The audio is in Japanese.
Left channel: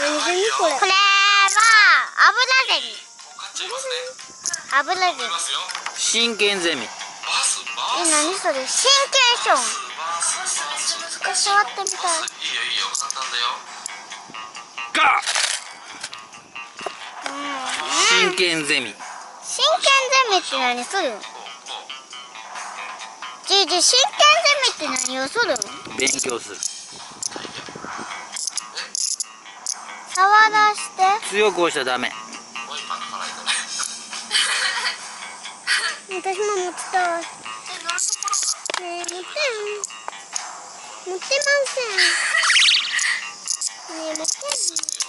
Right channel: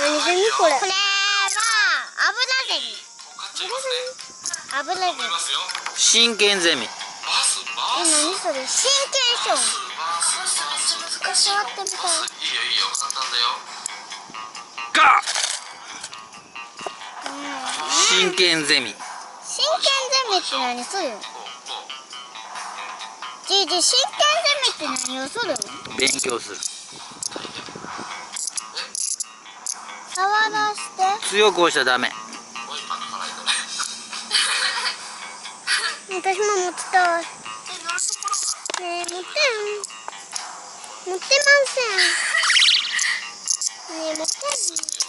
何ゼミこれ。これは油ゼミ。油ゼミ。真剣ゼミ。何それ？真剣ション。触ってみたい。いいよいいよ、簡単だよ。ガー。真剣ゼミ。真剣ゼミって何する？真剣ゼミって何をする？勉強する。触らして。強く押しちゃダメ。私も持ってたい。ねえ、持ってん。持ってません。ねえ、持ってん。